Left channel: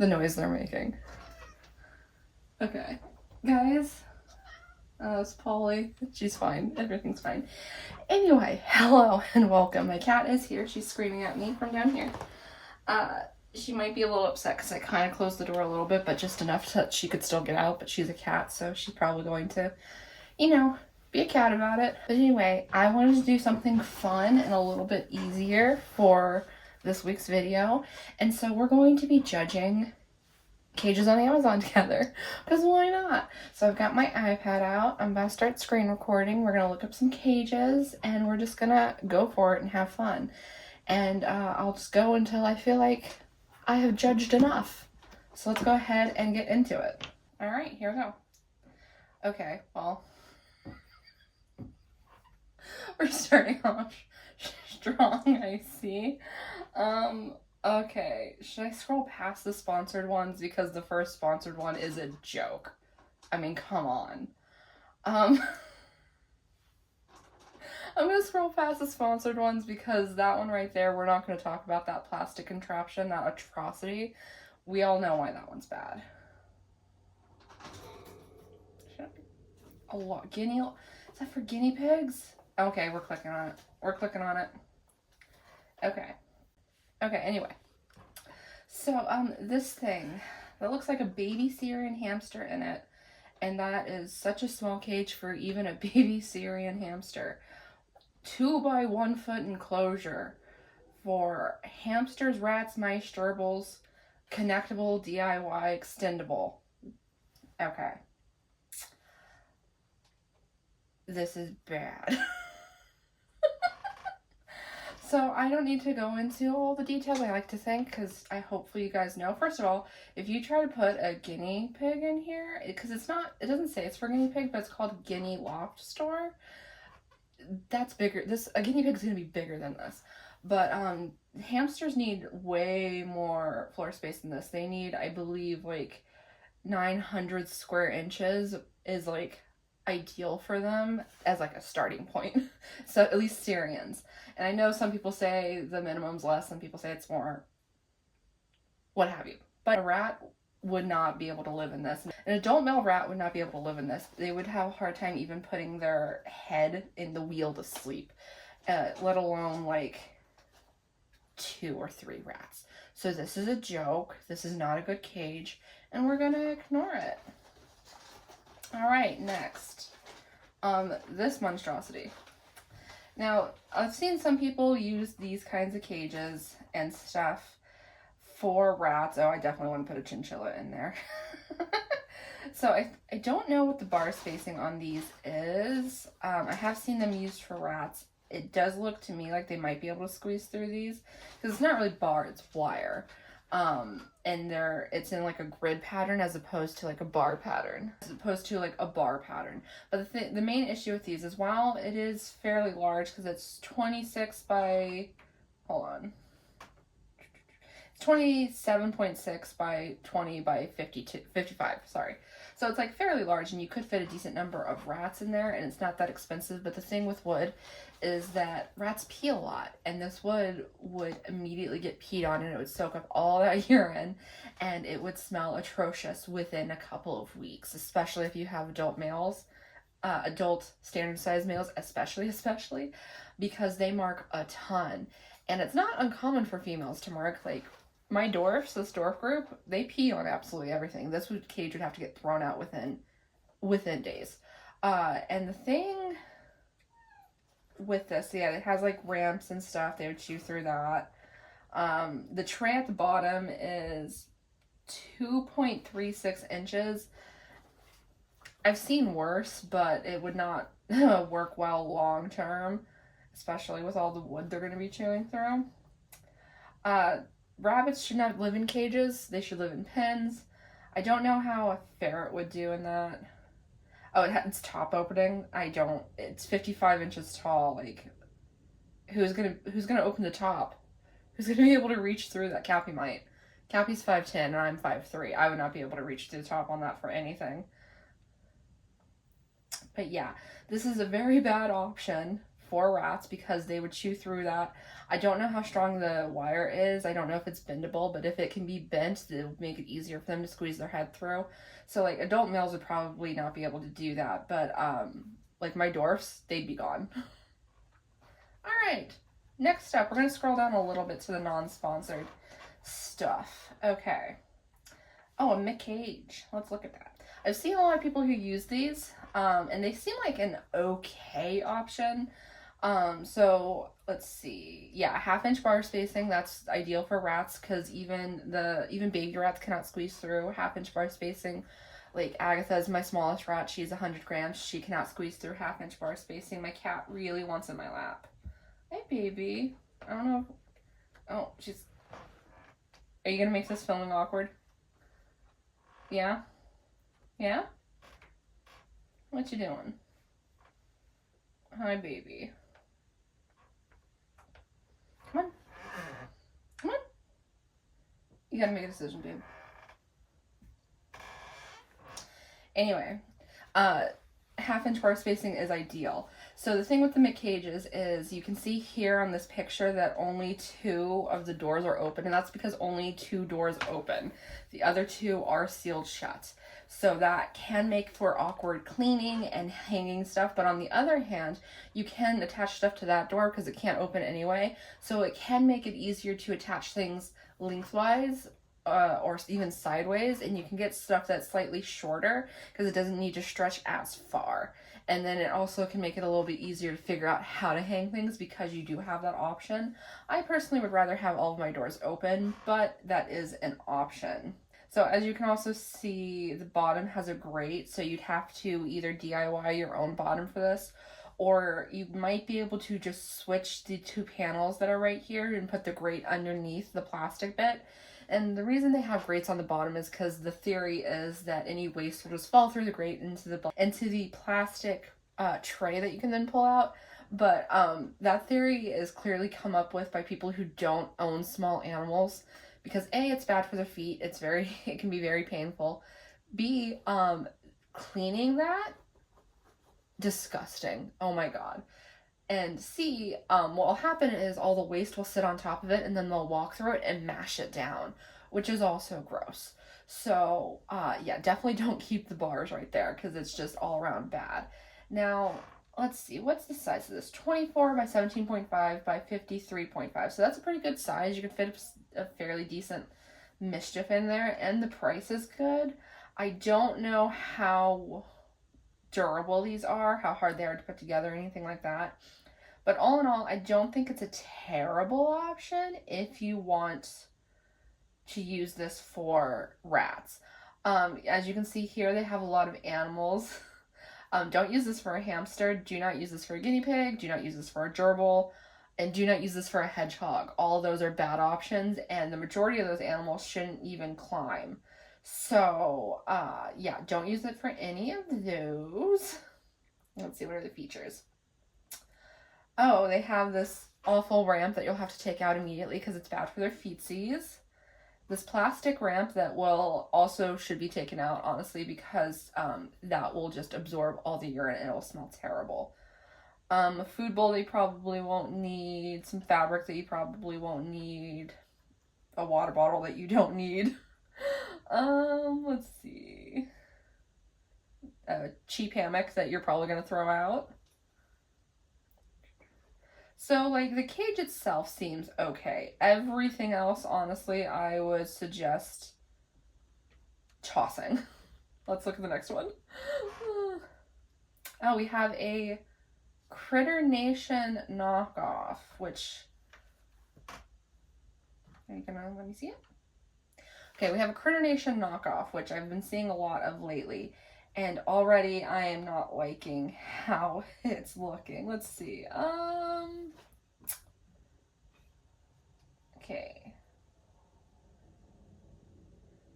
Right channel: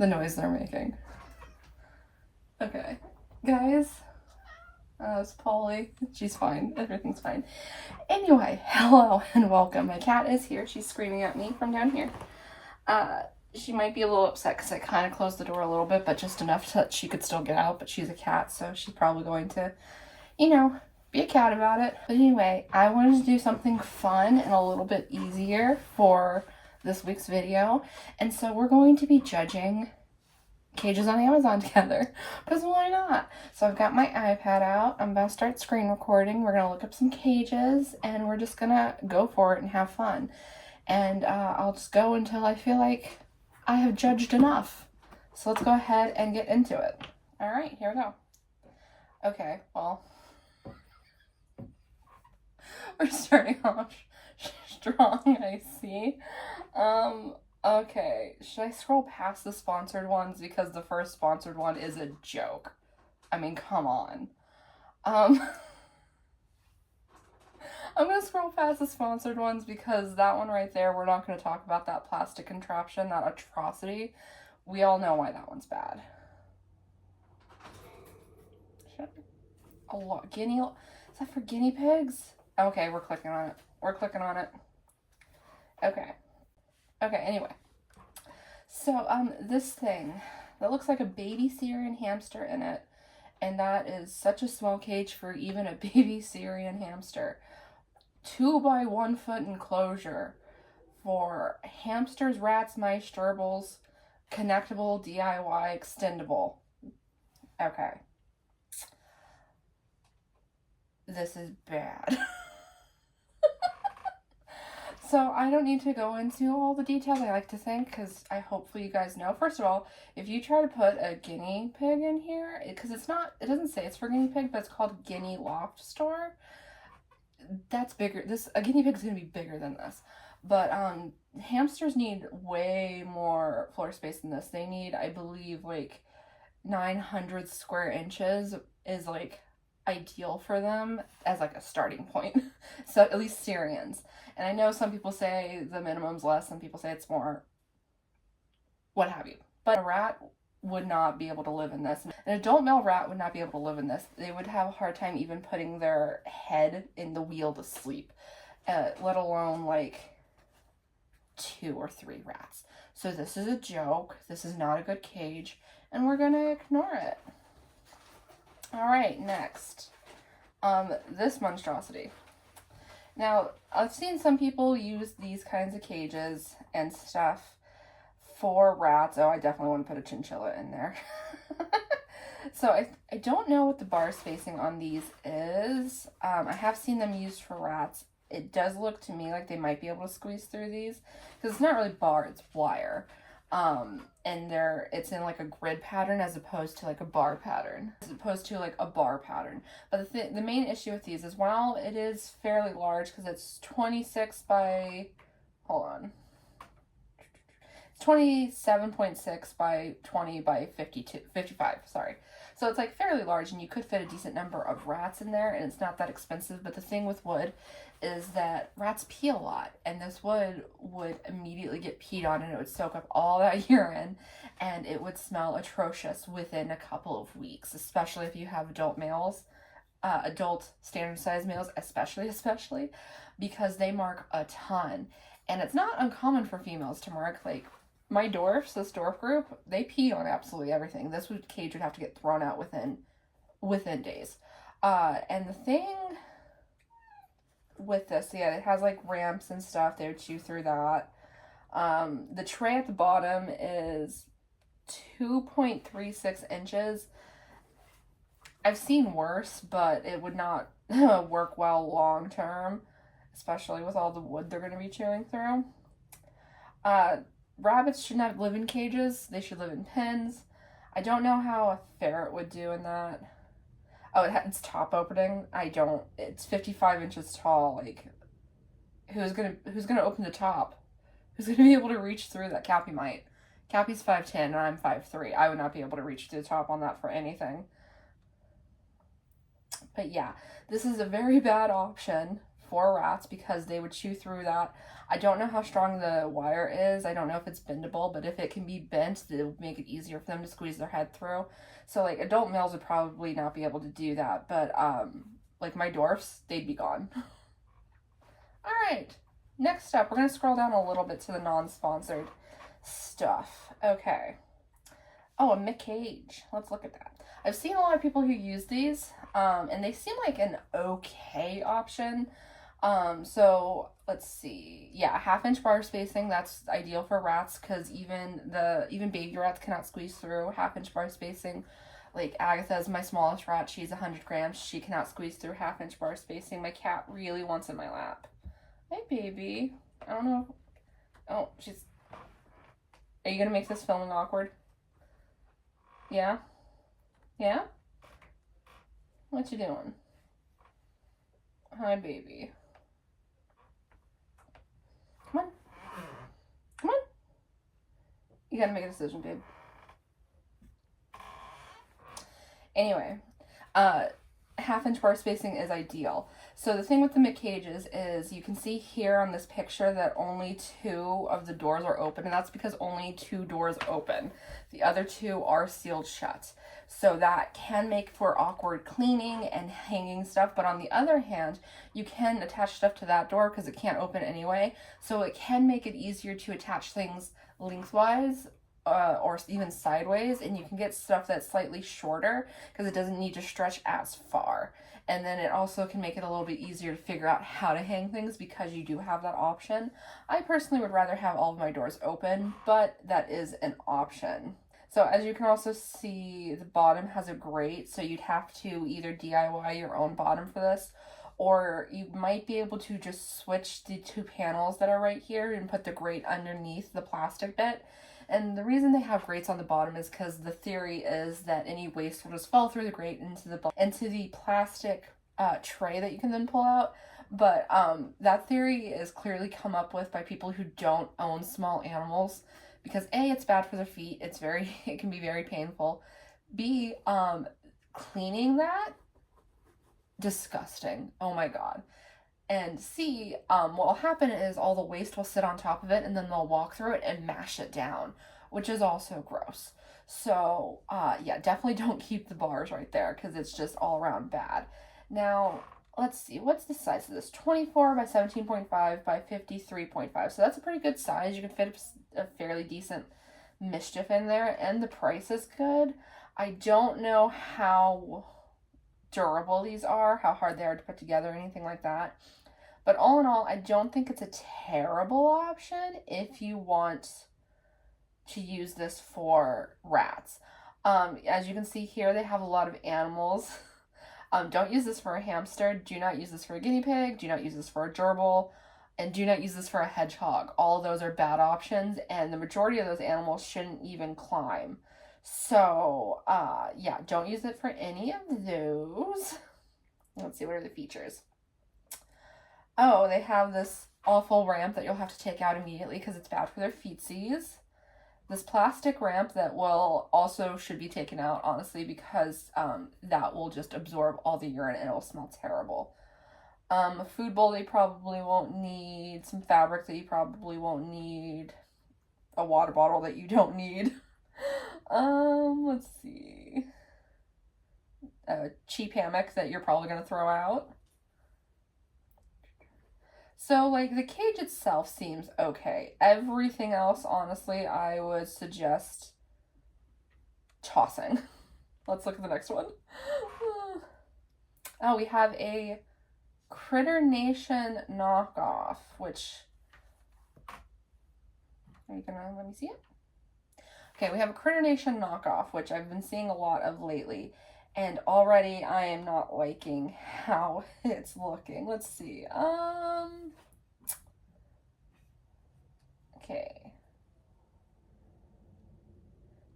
the noise they're making. Okay, guys. It's Polly. She's fine. Everything's fine. Anyway, hello and welcome. My cat is here. She's screaming at me from down here. She might be a little upset because I kind of closed the door a little bit, but just enough that she could still get out. But she's a cat, so she's probably going to, be a cat about it. But anyway, I wanted to do something fun and a little bit easier for this week's video. And so we're going to be judging cages on Amazon together, because why not? So I've got my iPad out. I'm about to start screen recording. We're going to look up some cages, and we're just going to go for it and have fun. And I'll just go until I feel like I have judged enough. So let's go ahead and get into it. All right, here we go. Okay, well, we're starting off strong, I see. Okay, should I scroll past the sponsored ones because the first sponsored one is a joke? I mean, come on. I'm gonna scroll past the sponsored ones because that one right there, we're not gonna talk about that plastic contraption, that atrocity. We all know why that one's bad. A lot, is that for guinea pigs? Okay, we're clicking on it. We're clicking on it. Okay. Okay, anyway. So, this thing that looks like a baby Syrian hamster in it, and that is such a small cage for even a baby Syrian hamster. 2 by 1 foot enclosure for hamsters, rats, mice, gerbils, connectable, DIY, extendable. Okay. This is bad. So I don't need to go into all the details, I like to think, because hopefully you guys know. First of all, if you try to put a guinea pig in here, because it doesn't say it's for guinea pig, but it's called Guinea Loft Store. That's bigger. A guinea pig is going to be bigger than this. But hamsters need way more floor space than this. They need, I believe, like 900 square inches is like ideal for them as like a starting point. So at least Syrians. And I know some people say the minimum's less, some people say it's more, what have you. But a rat would not be able to live in this. An adult male rat would not be able to live in this. They would have a hard time even putting their head in the wheel to sleep, let alone like 2 or 3 rats. So this is a joke. This is not a good cage, and we're gonna ignore it. All right, next. This monstrosity. Now, I've seen some people use these kinds of cages and stuff for rats. Oh, I definitely want to put a chinchilla in there. So I don't know what the bar spacing on these is. I have seen them used for rats. It does look to me like they might be able to squeeze through these, because it's not really bar, it's wire. And it's in like a grid pattern as opposed to like a bar pattern, But the main issue with these is, while it is fairly large, because it's 26 by, it's 27.6 by 20 by 55, sorry. So it's like fairly large, and you could fit a decent number of rats in there, and it's not that expensive. But the thing with wood is that rats pee a lot, and this wood would immediately get peed on, and it would soak up all that urine, and it would smell atrocious within a couple of weeks, especially if you have adult males, adult standard size males, especially, because they mark a ton. And it's not uncommon for females to mark, like, my dwarfs, this dwarf group, they pee on absolutely everything. This cage would have to get thrown out within days. And the thing with this, yeah, it has like ramps and stuff. They would chew through that. The tray at the bottom is 2.36 inches. I've seen worse, but it would not work well long term, especially with all the wood they're going to be chewing through. Rabbits should not live in cages. They should live in pens. I don't know how a ferret would do in that. Oh, it's top opening. It's 55 inches tall. Like, who's gonna open the top? Who's gonna be able to reach through that? Cappy might. Cappy's 5'10" and I'm 5'3". I would not be able to reach to the top on that for anything. But yeah, this is a very bad option for rats because they would chew through that. I don't know how strong the wire is. I don't know if it's bendable, but if it can be bent, it would make it easier for them to squeeze their head through. So like adult males would probably not be able to do that, but like my dwarfs, they'd be gone. All right, next up, we're gonna scroll down a little bit to the non-sponsored stuff. Okay. Oh, a McCage. Let's look at that. I've seen a lot of people who use these, and they seem like an okay option. So let's see. Yeah, 1/2-inch bar spacing, that's ideal for rats because even baby rats cannot squeeze through 1/2-inch bar spacing. Like Agatha is my smallest rat. She's 100 grams. She cannot squeeze through 1/2-inch bar spacing. My cat really wants in my lap. Hey, baby. I don't know. Oh, she's... Are you going to make this filming awkward? Yeah? Yeah? What you doing? Hi, baby. Come on. Come on. You gotta make a decision, babe. Anyway, 1/2-inch bar spacing is ideal. So the thing with the McCages is you can see here on this picture that only 2 of the doors are open, and that's because only 2 doors open. The other 2 are sealed shut. So that can make for awkward cleaning and hanging stuff, but on the other hand, you can attach stuff to that door because it can't open anyway. So it can make it easier to attach things lengthwise or even sideways, and you can get stuff that's slightly shorter because it doesn't need to stretch as far. And then it also can make it a little bit easier to figure out how to hang things because you do have that option. I personally would rather have all of my doors open, but that is an option. So as you can also see, the bottom has a grate, so you'd have to either DIY your own bottom for this, or you might be able to just switch the 2 panels that are right here and put the grate underneath the plastic bit. And the reason they have grates on the bottom is because the theory is that any waste will just fall through the grate into the plastic tray that you can then pull out. But that theory is clearly come up with by people who don't own small animals, because A, it's bad for their feet. It can be very painful. B, cleaning that, disgusting. Oh my God. And C, what will happen is all the waste will sit on top of it, and then they'll walk through it and mash it down, which is also gross. So yeah, definitely don't keep the bars right there because it's just all around bad. Now, let's see, what's the size of this? 24 by 17.5 by 53.5. So that's a pretty good size. You can fit a fairly decent mischief in there, and the price is good. I don't know how durable these are, how hard they are to put together, anything like that. But all in all, I don't think it's a terrible option if you want to use this for rats. As you can see here, they have a lot of animals. Don't use this for a hamster. Do not use this for a guinea pig. Do not use this for a gerbil. And do not use this for a hedgehog. All of those are bad options, and the majority of those animals shouldn't even climb. So, yeah, don't use it for any of those. Let's see, what are the features? Oh, they have this awful ramp that you'll have to take out immediately because it's bad for their feetsies. This plastic ramp that should be taken out, honestly, because that will just absorb all the urine and it will smell terrible. A food bowl they probably won't need, some fabric that you probably won't need, a water bottle that you don't need. Let's see. A cheap hammock that you're probably going to throw out. So, like, the cage itself seems okay. Everything else, honestly, I would suggest tossing. Let's look at the next one. Oh, we have a Critter Nation knockoff, which... Are you gonna let me see it? Okay, we have a Critter Nation knockoff, which I've been seeing a lot of lately. And already I am not liking how it's looking. Let's see. Okay.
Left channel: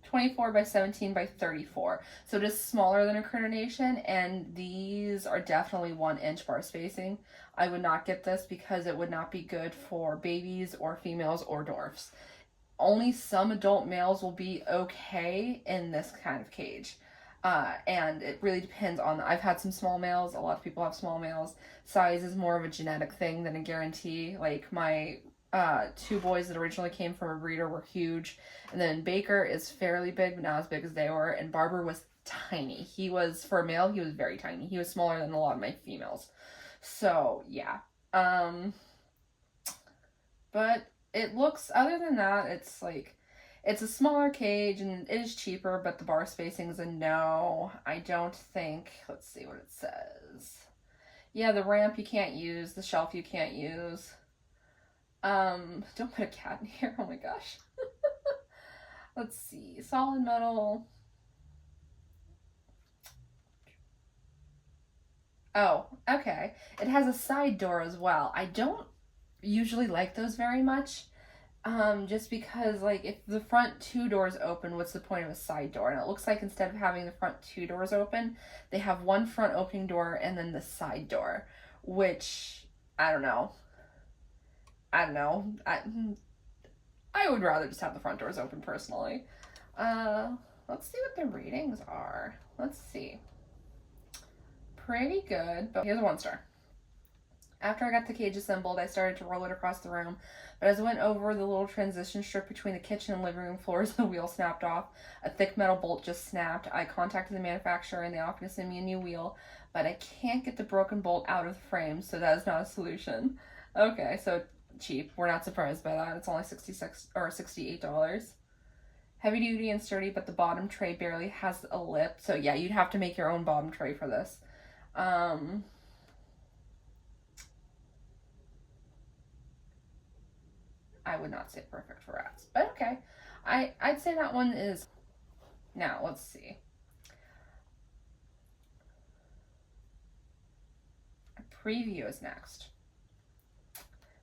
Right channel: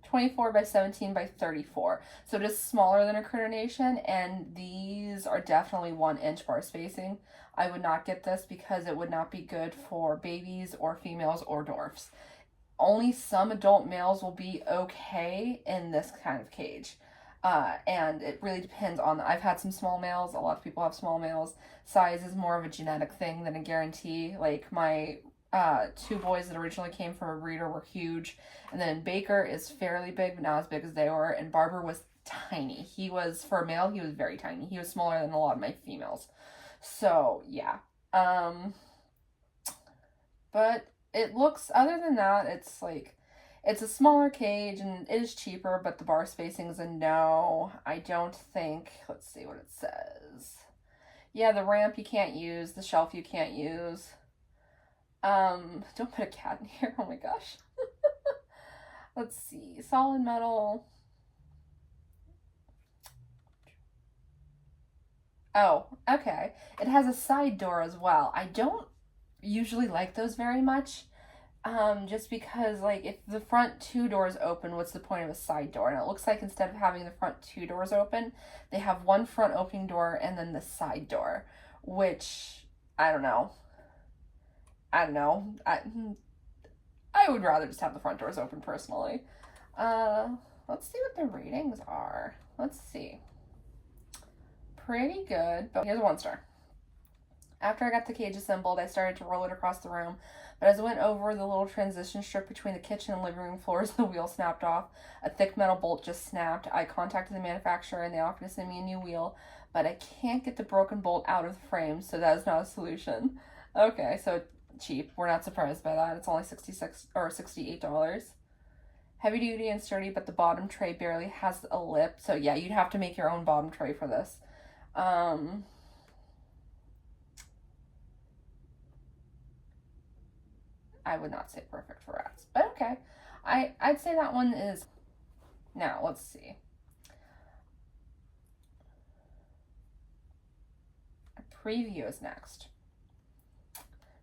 24 by 17 by 34. So it is smaller than a Critter Nation, and these are definitely 1-inch bar spacing. I would not get this because it would not be good for babies or females or dwarfs. Only some adult males will be okay in this kind of cage. And it really depends on, I've had some small males, a lot of people have small males. Size is more of a genetic thing than a guarantee. Like my two boys that originally came from a breeder were huge, and then Baker is fairly big, but not as big as they were, and Barber was tiny. He was, for a male, he was very tiny. He was smaller than a lot of my females. So yeah. But it looks, other than that, it's like, it's a smaller cage and it is cheaper, but the bar spacing is a no. I don't think, let's see what it says. Yeah, the ramp you can't use, the shelf you can't use. Don't put a cat in here, oh my gosh. Let's see, solid metal. Oh, okay. It has a side door as well. I don't usually like those very much. Just because, like, if the front two doors open, what's the point of a side door? And it looks like instead of having the front two doors open, they have one front opening door and then the side door, which, I don't know. I would rather just have the front doors open, personally. Let's see what the ratings are. Let's see. Pretty good, but here's a 1-star. After I got the cage assembled, I started to roll it across the room, but as I went over the little transition strip between the kitchen and living room floors, the wheel snapped off. A thick metal bolt just snapped. I contacted the manufacturer and they offered to send me a new wheel, but I can't get the broken bolt out of the frame, so that is not a solution. Okay, so cheap. We're not surprised by that. It's only $66 or $68. Heavy duty and sturdy, but the bottom tray barely has a lip. So yeah, you'd have to make your own bottom tray for this. I would not say perfect for rats, but okay. I'd say that one is, now let's see. A preview is next.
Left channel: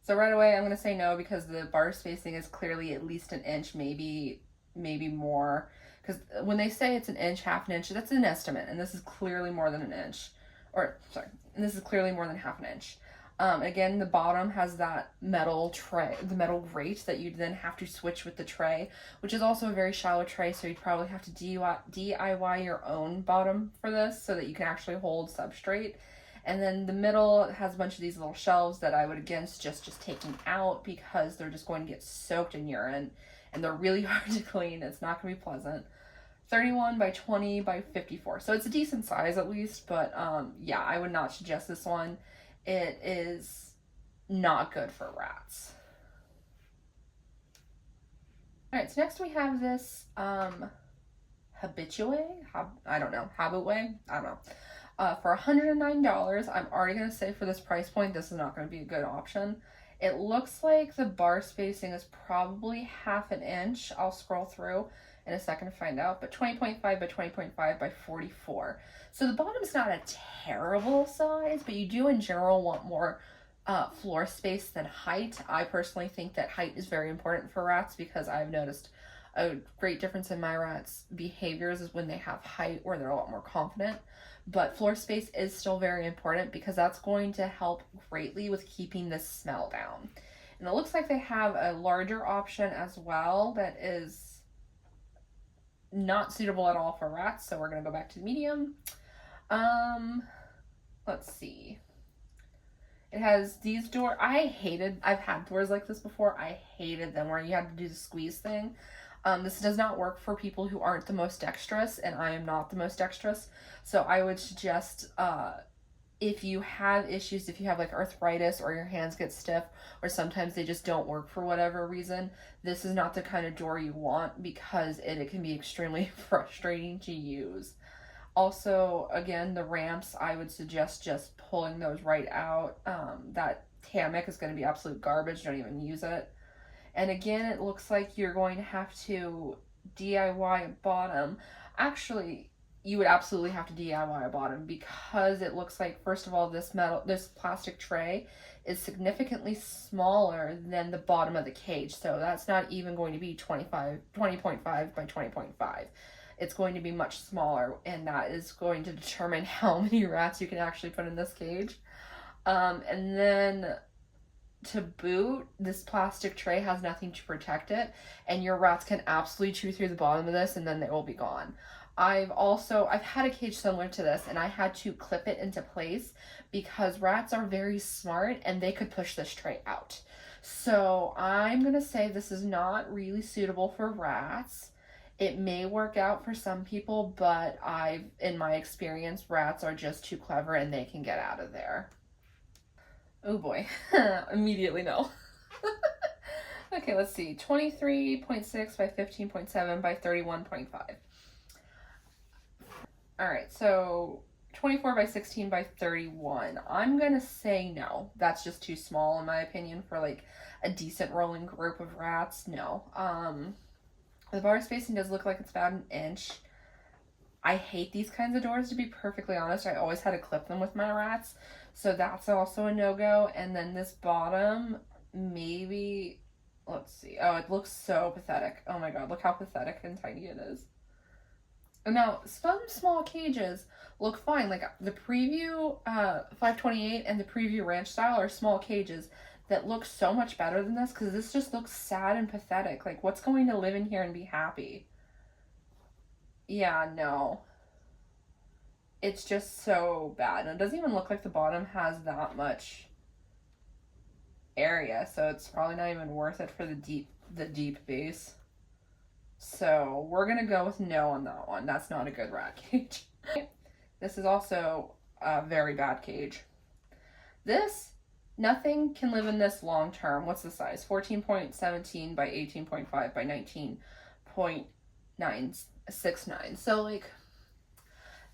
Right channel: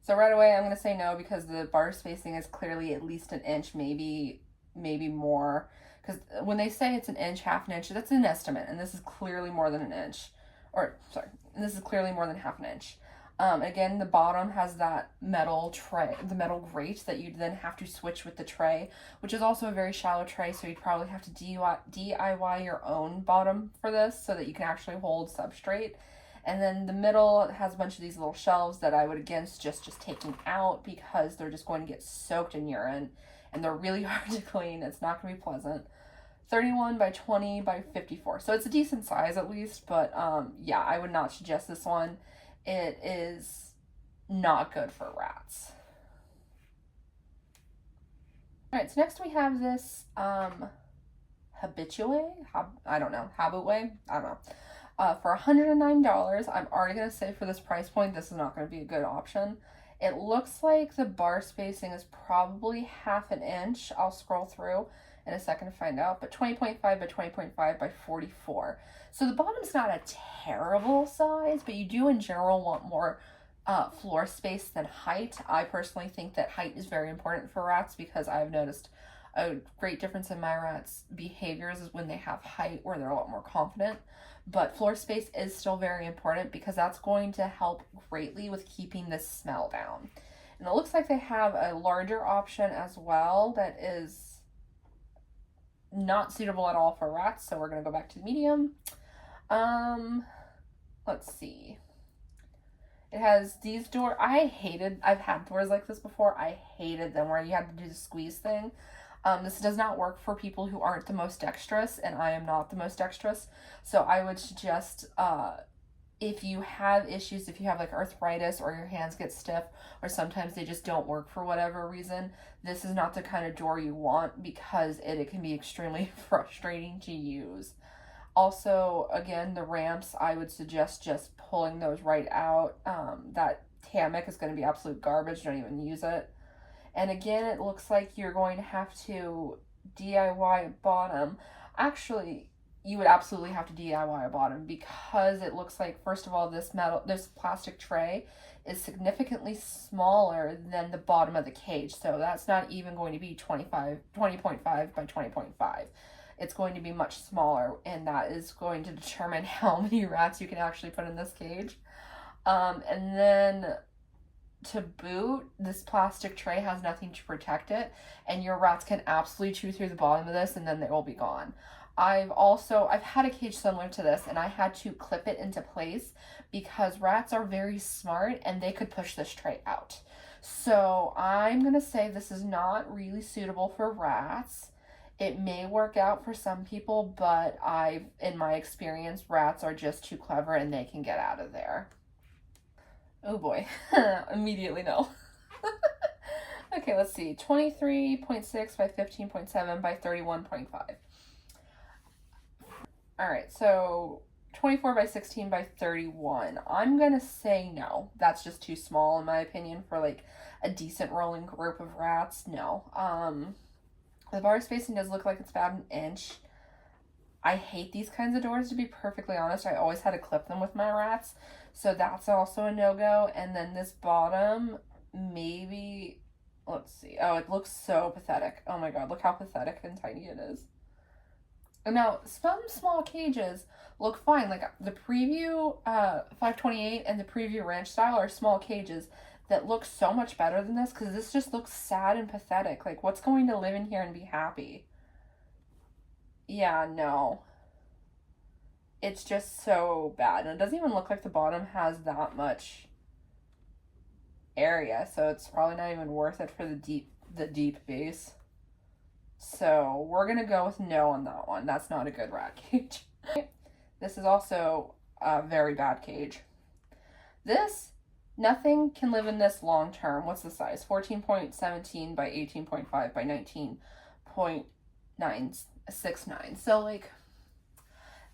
So right away I'm going to say no because the bar spacing is clearly at least an inch, maybe more. Because when they say it's an inch, half an inch, that's an estimate, and this is clearly more than an inch. Or, sorry, and this is clearly more than half an inch. Again, the bottom has that metal tray, the metal grate that you'd then have to switch with the tray, which is also a very shallow tray, so you'd probably have to DIY your own bottom for this so that you can actually hold substrate. And then the middle has a bunch of these little shelves that I would again suggest just taking out because they're just going to get soaked in urine and they're really hard to clean. It's not going to be pleasant. 31 by 20 by 54. So it's a decent size at least, but yeah, I would not suggest this one. It is not good for rats. All right, so next we have this Habitue, I don't know, for $109. I'm already going to say for this price point, this is not going to be a good option. It looks like the bar spacing is probably half an inch. I'll scroll through in a second to find out, but 20.5 by 20.5 by 44. So the bottom's not a terrible size, but you do in general want more floor space than height. I personally think that height is very important for rats because I've noticed a great difference in my rats' behaviors is when they have height where they're a lot more confident. But floor space is still very important because that's going to help greatly with keeping the smell down. And it looks like they have a larger option as well that is not suitable at all for rats, so we're going to go back to the medium. Let's see. It has these doors. I've had doors like this before. I hated them where you had to do the squeeze thing. This does not work for people who aren't the most dexterous, and I am not the most dexterous. So I would suggest, if you have issues, if you have like arthritis or your hands get stiff, or sometimes they just don't work for whatever reason, this is not the kind of door you want because it can be extremely frustrating to use. Also, again, the ramps, I would suggest just pulling those right out. That hammock is going to be absolute garbage. Don't even use it. And again, it looks like you're going to have to DIY a bottom. Actually, you would absolutely have to DIY a bottom because it looks like, first of all, this plastic tray is significantly smaller than the bottom of the cage. So that's not even going to be 20.5 by 20.5. It's going to be much smaller, and that is going to determine how many rats you can actually put in this cage. And then to boot, this plastic tray has nothing to protect it, and your rats can absolutely chew through the bottom of this and then they will be gone. I've had a cage similar to this, and I had to clip it into place because rats are very smart and they could push this tray out. So I'm going to say this is not really suitable for rats. It may work out for some people, but in my experience, rats are just too clever and they can get out of there. Oh boy, immediately no. Okay, let's see, 23.6 by 15.7 by 31.5. All right, so 24 by 16 by 31. I'm gonna say no. That's just too small in my opinion for like a decent rolling group of rats. No. The bar spacing does look like it's about an inch. I hate these kinds of doors, to be perfectly honest. I always had to clip them with my rats, so that's also a no-go. And then this bottom, maybe, let's see. Oh, it looks so pathetic. Oh my god, look how pathetic and tiny it is. Now, some small cages look fine. Like the Preview 528 and the Preview Ranch Style are small cages that look so much better than this, because this just looks sad and pathetic. Like, what's going to live in here and be happy? Yeah, no. It's just so bad. And it doesn't even look like the bottom has that much area, so it's probably not even worth it for the deep base. So we're gonna go with no on that one. That's not a good rat cage. This is also a very bad cage. Nothing can live in this long term. What's the size? 14.17 by 18.5 by 19.969. So like,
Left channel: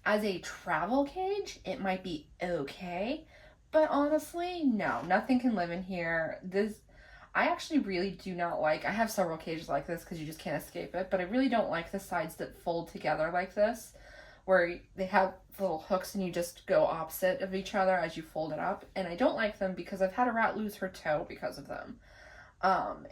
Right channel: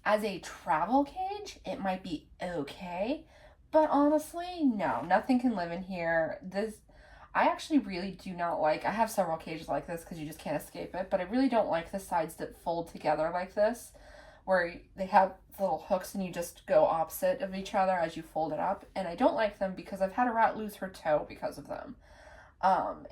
as a travel cage, it might be okay, but honestly, no, nothing can live in here. I actually really do not like, I have several cages like this because you just can't escape it, but I really don't like the sides that fold together like this, where they have little hooks and you just go opposite of each other as you fold it up. And I don't like them because I've had a rat lose her toe because of them.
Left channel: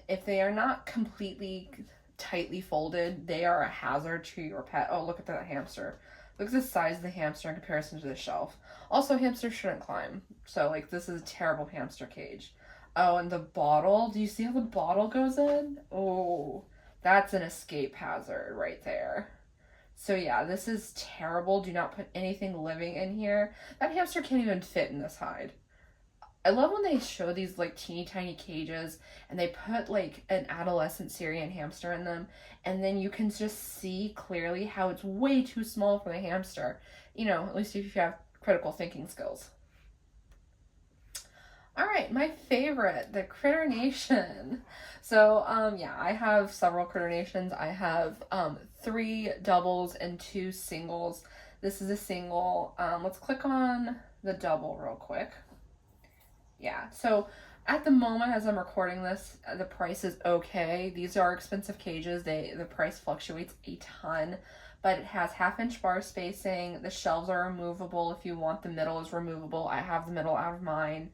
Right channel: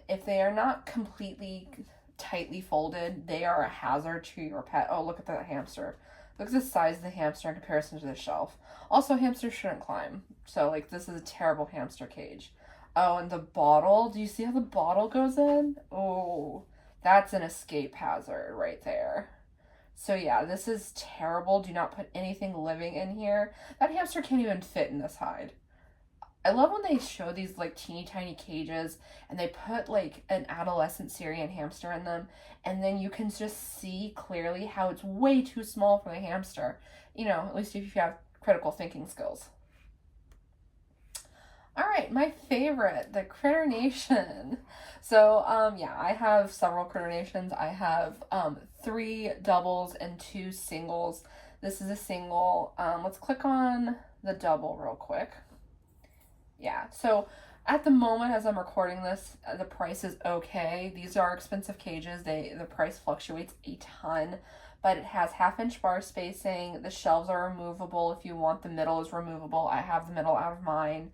If they are not completely tightly folded, they are a hazard to your pet. Oh, look at that hamster. Look at the size of the hamster in comparison to the shelf. Also, hamsters shouldn't climb. So, like, this is a terrible hamster cage. Oh, and the bottle. Do you see how the bottle goes in? Oh, that's an escape hazard right there. So yeah, this is terrible. Do not put anything living in here. That hamster can't even fit in this hide. I love when they show these like teeny tiny cages and they put like an adolescent Syrian hamster in them, and then you can just see clearly how it's way too small for the hamster. You know, at least if you have critical thinking skills. All right, my favorite, the Critter Nation. So, yeah, I have several Critter Nations. I have 3 doubles and 2 singles. This is a single. Let's click on the double real quick. Yeah, so at the moment as I'm recording this, the price is okay. These are expensive cages. The price fluctuates a ton, but it has 1/2-inch bar spacing. The shelves are removable if you want. The middle is removable. I have the middle out of mine.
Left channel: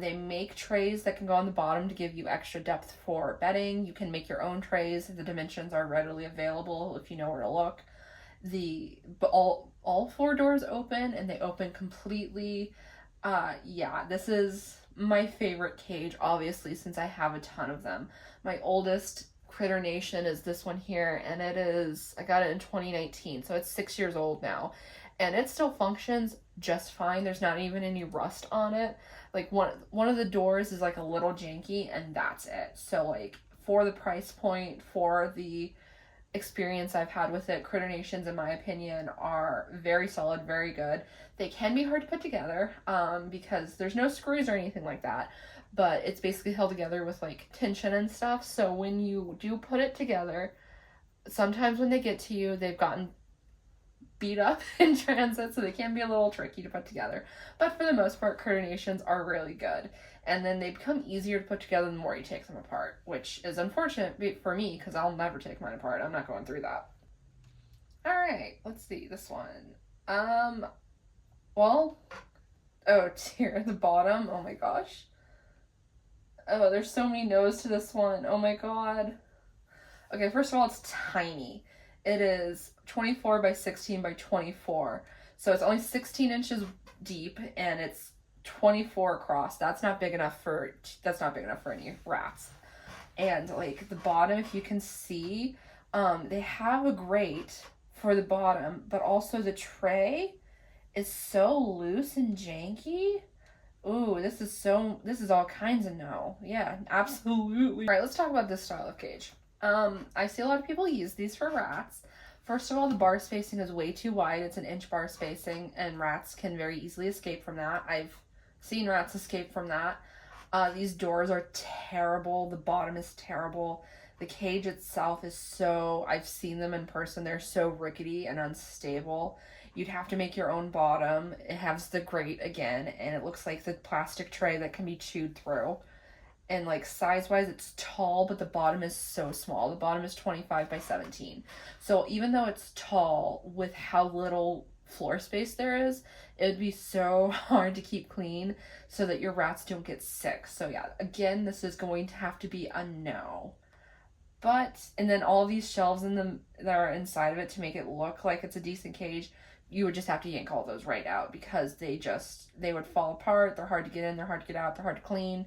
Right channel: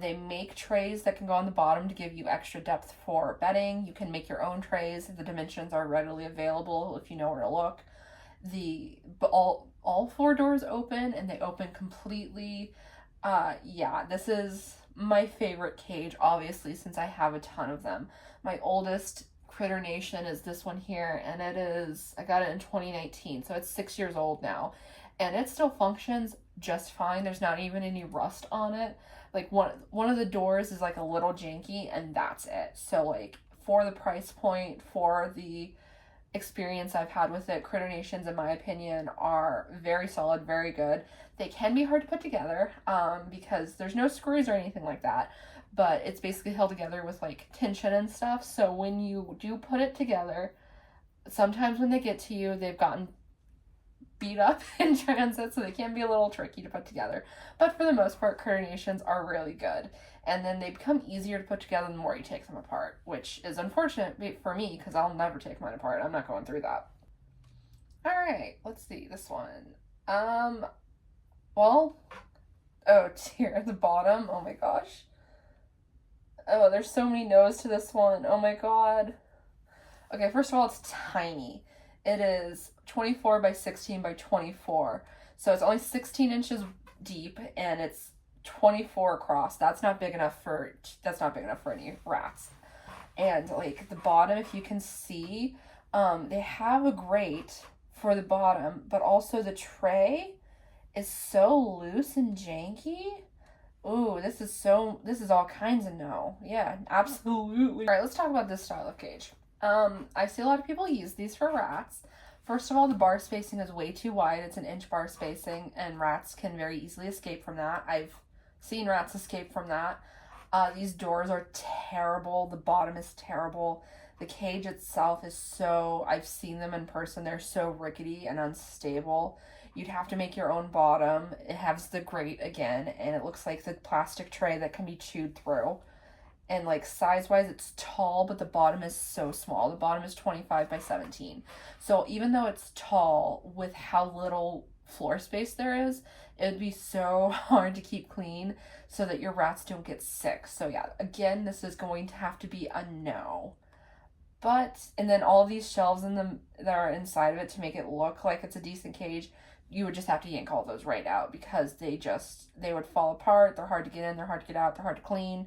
They make trays that can go on the bottom to give you extra depth for bedding. You can make your own trays. The dimensions are readily available if you know where to look. All 4 doors open, and they open completely. Yeah, this is my favorite cage, obviously, since I have a ton of them. My oldest Critter Nation is this one here, and I got it in 2019, so it's 6 years old now, and it still functions just fine. There's not even any rust on it. Like one of the doors is like a little janky, and that's it. So like, for the price point, for the experience I've had with it, Critter Nations, in my opinion, are very solid, very good. They can be hard to put together because there's no screws or anything like that, but it's basically held together with like tension and stuff. So when you do put it together, sometimes when they get to you, they've gotten beat up in transit, so they can be a little tricky to put together. But for the most part, Critter Nations are really good. And then they become easier to put together the more you take them apart, which is unfortunate for me because I'll never take mine apart. I'm not going through that. All right, let's see this one. Well, oh dear, the bottom. Oh my gosh. Oh, there's so many no's to this one. Oh my god. Okay, first of all, it's tiny. It is 24 by 16 by 24. So it's only 16 inches deep, and it's 24 across. That's not big enough for any rats. And like the bottom, if you can see, they have a grate for the bottom, but also the tray is so loose and janky. Ooh, this is all kinds of no. Yeah, absolutely. All right, let's talk about this style of cage. I see a lot of people use these for rats. First of all, the bar spacing is way too wide. It's an inch bar spacing, and rats can very easily escape from that. I've seen rats escape from that. These doors are terrible. The bottom is terrible. The cage itself is so, I've seen them in person, they're so rickety and unstable. You'd have to make your own bottom. It has the grate again, and it looks like the plastic tray that can be chewed through. And like size-wise, it's tall, but the bottom is so small. The bottom is 25 by 17. So even though it's tall, with how little floor space there is, it would be so hard to keep clean so that your rats don't get sick. So yeah, again, this is going to have to be a no. But, and then all these shelves in them that are inside of it to make it look like it's a decent cage, you would just have to yank all those right out because they would fall apart. They're hard to get in, they're hard to get out, they're hard to clean.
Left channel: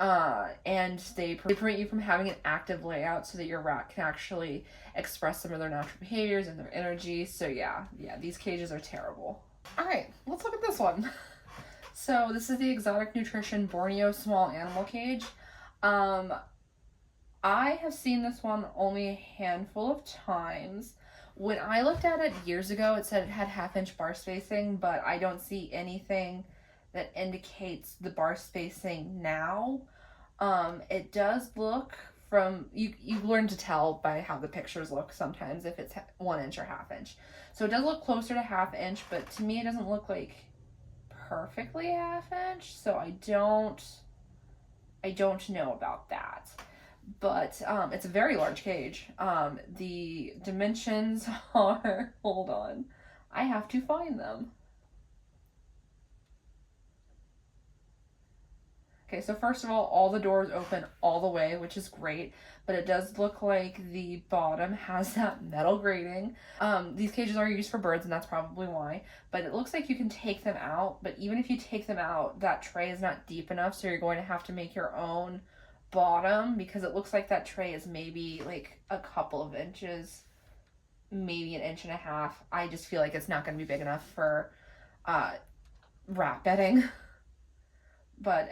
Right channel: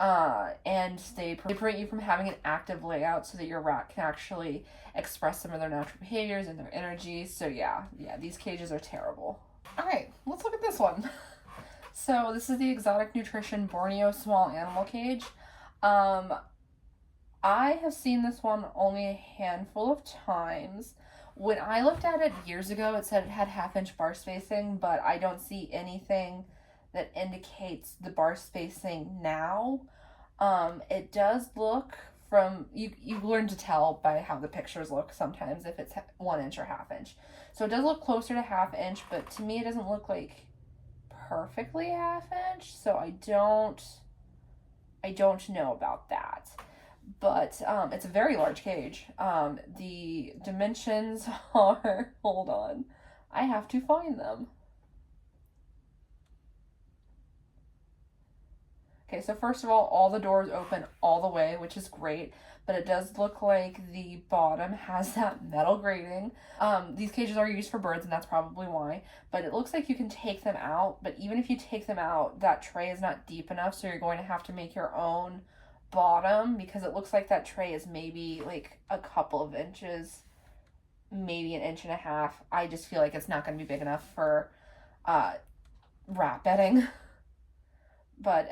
And they prevent you from having an active layout so that your rat can actually express some of their natural behaviors and their energy. So yeah, these cages are terrible. All right, let's look at this one. So this is the Exotic Nutrition Borneo small animal cage. I have seen this one only a handful of times. When I looked at it years ago, it said it had 1/2-inch bar spacing, but I don't see anything that indicates the bar spacing now. It does look from, you learn to tell by how the pictures look sometimes if it's 1 inch or 1/2 inch. So it does look closer to 1/2 inch, but to me it doesn't look like perfectly 1/2 inch. So I don't know about that. But it's a very large cage. The dimensions are, hold on, I have to find them. Okay, so first of all the doors open all the way, which is great, but it does look like the bottom has that metal grating. These cages are used for birds, and that's probably why, but it looks like you can take them out, but even if you take them out, that tray is not deep enough, so you're going to have to make your own bottom, because it looks like that tray is maybe like a couple of inches, maybe 1.5 inches. I just feel like it's not going to be big enough for rat bedding. But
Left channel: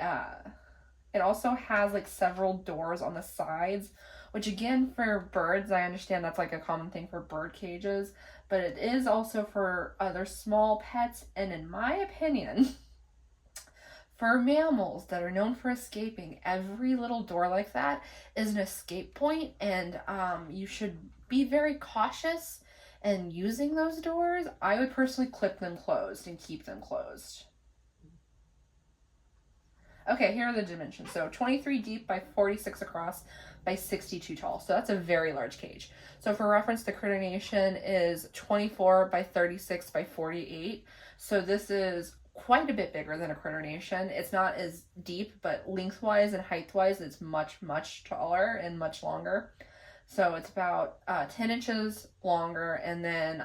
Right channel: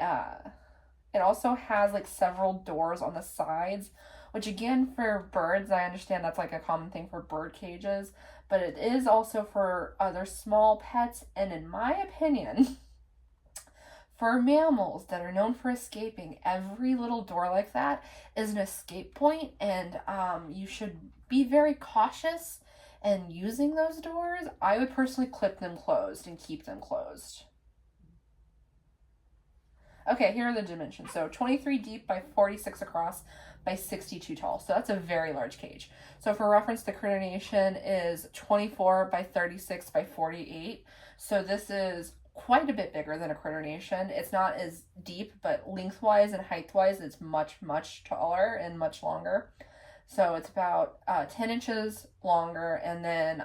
it also has like several doors on the sides, which again, for birds, I understand that's like a common thing for bird cages, but it is also for other small pets, and in my opinion, for mammals that are known for escaping, every little door like that is an escape point, and you should be very cautious in using those doors. I would personally clip them closed and keep them closed. Okay, here are the dimensions. So 23 deep by 46 across by 62 tall. So that's a very large cage. So for reference, the Critter Nation is 24 by 36 by 48. So this is quite a bit bigger than a Critter Nation. It's not as deep, but lengthwise and heightwise, it's much, much taller and much longer. So it's about 10 inches longer, and then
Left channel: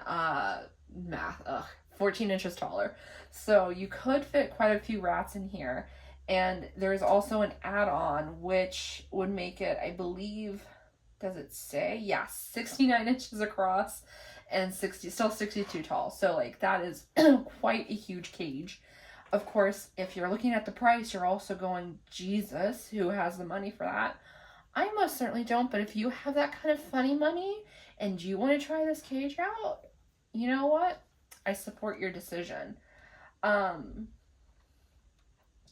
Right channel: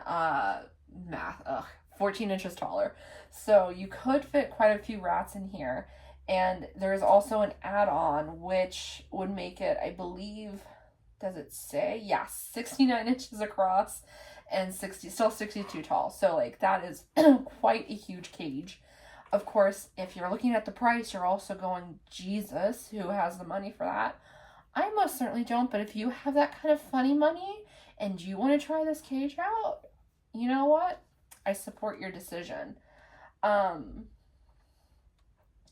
14 inches taller. So you could fit quite a few rats in here. And there's also an add-on which would make it, I believe, does it say? Yeah, 69 inches across and still 62 tall. So like that is quite a huge cage. Of course, if you're looking at the price, you're also going, Jesus, who has the money for that? I most certainly don't, but if you have that kind of funny money and you want to try this cage out, you know what? I support your decision.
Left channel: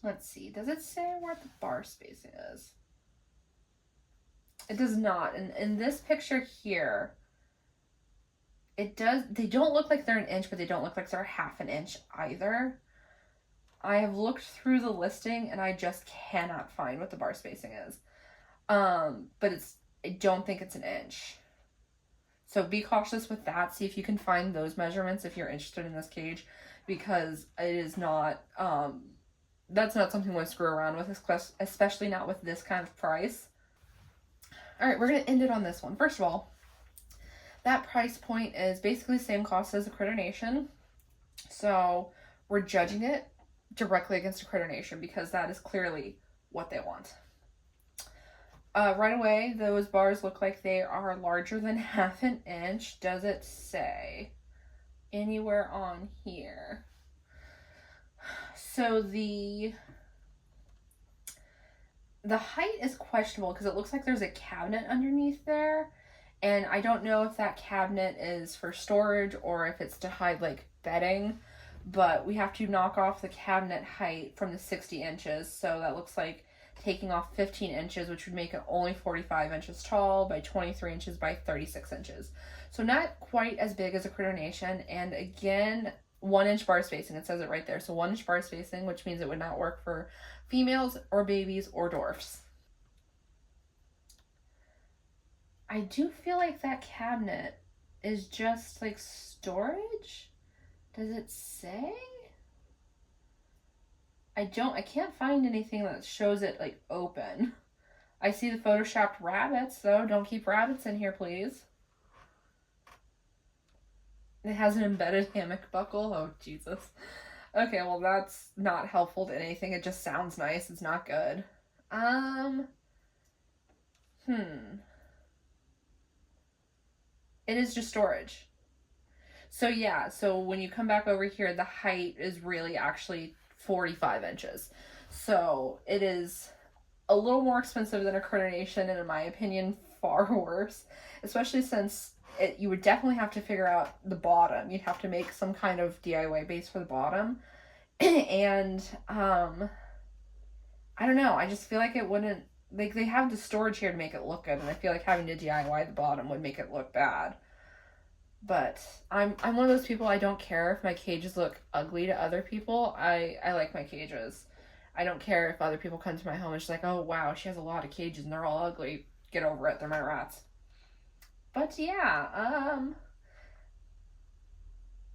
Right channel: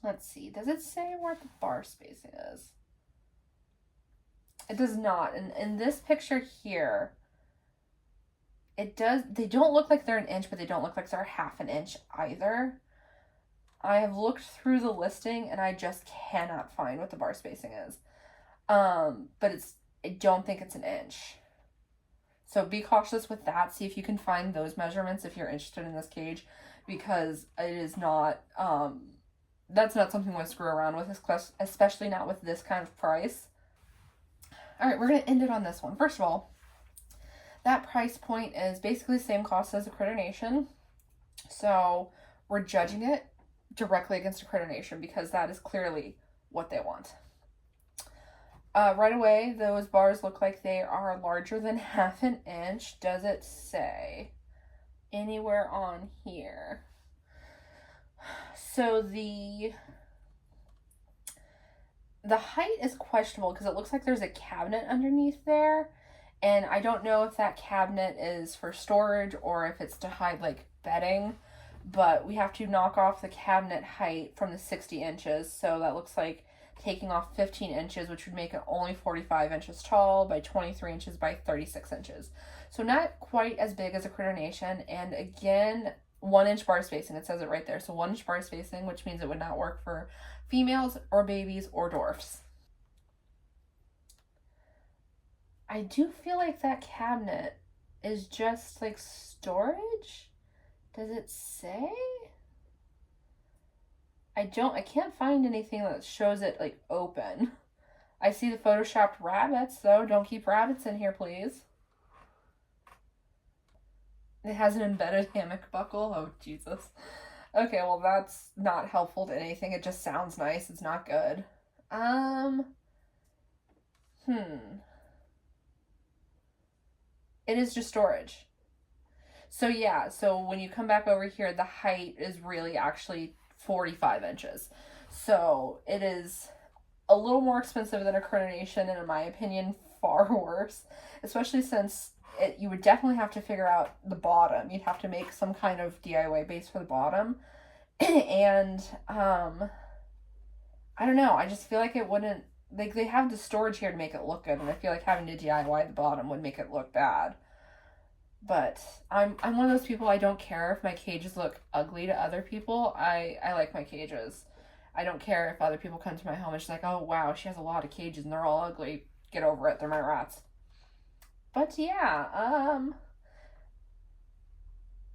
Let's see. Does it say where the bar spacing is? It does not. And in this picture here, it does. They don't look like they're 1 inch, but they don't look like they're 1/2 inch either. I have looked through the listing and I just cannot find what the bar spacing is. But I don't think it's 1 inch. So be cautious with that. See if you can find those measurements if you're interested in this cage, because it is not, that's not something we'll screw around with, especially not with this kind of price. All right, we're going to end it on this one. First of all, that price point is basically the same cost as a Critter Nation. So we're judging it directly against a Critter Nation because that is clearly what they want. Right away, those bars look like they are larger than 1/2 inch. Does it say anywhere on here? So the height is questionable because it looks like there's a cabinet underneath there. And I don't know if that cabinet is for storage or if it's to hide like bedding. But we have to knock off the cabinet height from the 60 inches. So that looks like taking off 15 inches, which would make it only 45 inches tall by 23 inches by 36 inches. So not quite as big as a Critter Nation. And again, 1 inch bar spacing. It says it right there. So 1 inch bar spacing, which means it would not work for females or babies or dwarfs. I do feel like that cabinet is just like storage. Does it say? I can't find anything that shows it like open. I see the photoshopped rabbits though. Don't keep rabbits in here, please. It has an embedded hammock buckle. Oh, Jesus. Okay, well, that's not helpful to anything. It just sounds nice. It's not good. It is just storage. So yeah, so when you come back over here, the height is really actually 45 inches. So it is a little more expensive than a Critter Nation, and in my opinion, far worse. Especially since you would definitely have to figure out the bottom. You'd have to make some kind of DIY base for the bottom. And, I don't know. I just feel like it wouldn't, like, they have the storage here to make it look good, and I feel like having to DIY the bottom would make it look bad. But I'm one of those people, I don't care if my cages look ugly to other people. I like my cages. I don't care if other people come to my home and she's like, oh wow, she has a lot of cages and they're all ugly. Get over it, they're my rats. But yeah,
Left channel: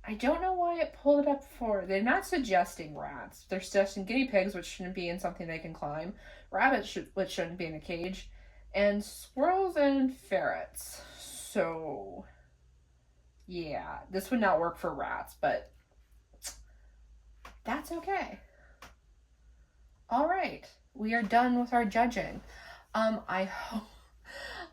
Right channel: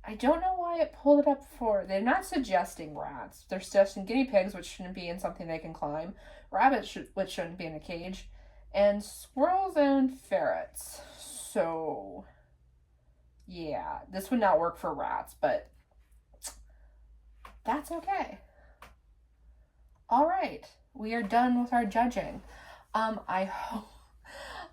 I don't know why it pulled it up for, they're not suggesting rats. They're suggesting guinea pigs, which shouldn't be in something they can climb. Rabbits, which shouldn't be in a cage. And squirrels and ferrets. So yeah, this would not work for rats, but that's okay. All right, we are done with our judging. I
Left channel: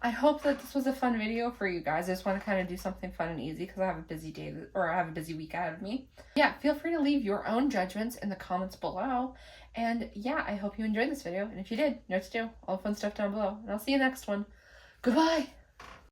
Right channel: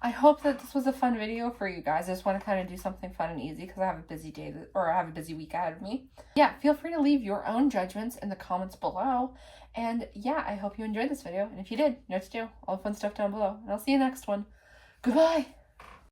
hope that this was a fun video for you guys. I just want to kind of do something fun and easy because I have a busy day, or I have a busy week ahead of me. Yeah, feel free to leave your own judgments in the comments below. And yeah, I hope you enjoyed this video. And if you did, you know what to do. All the fun stuff down below. And I'll see you next one. Goodbye.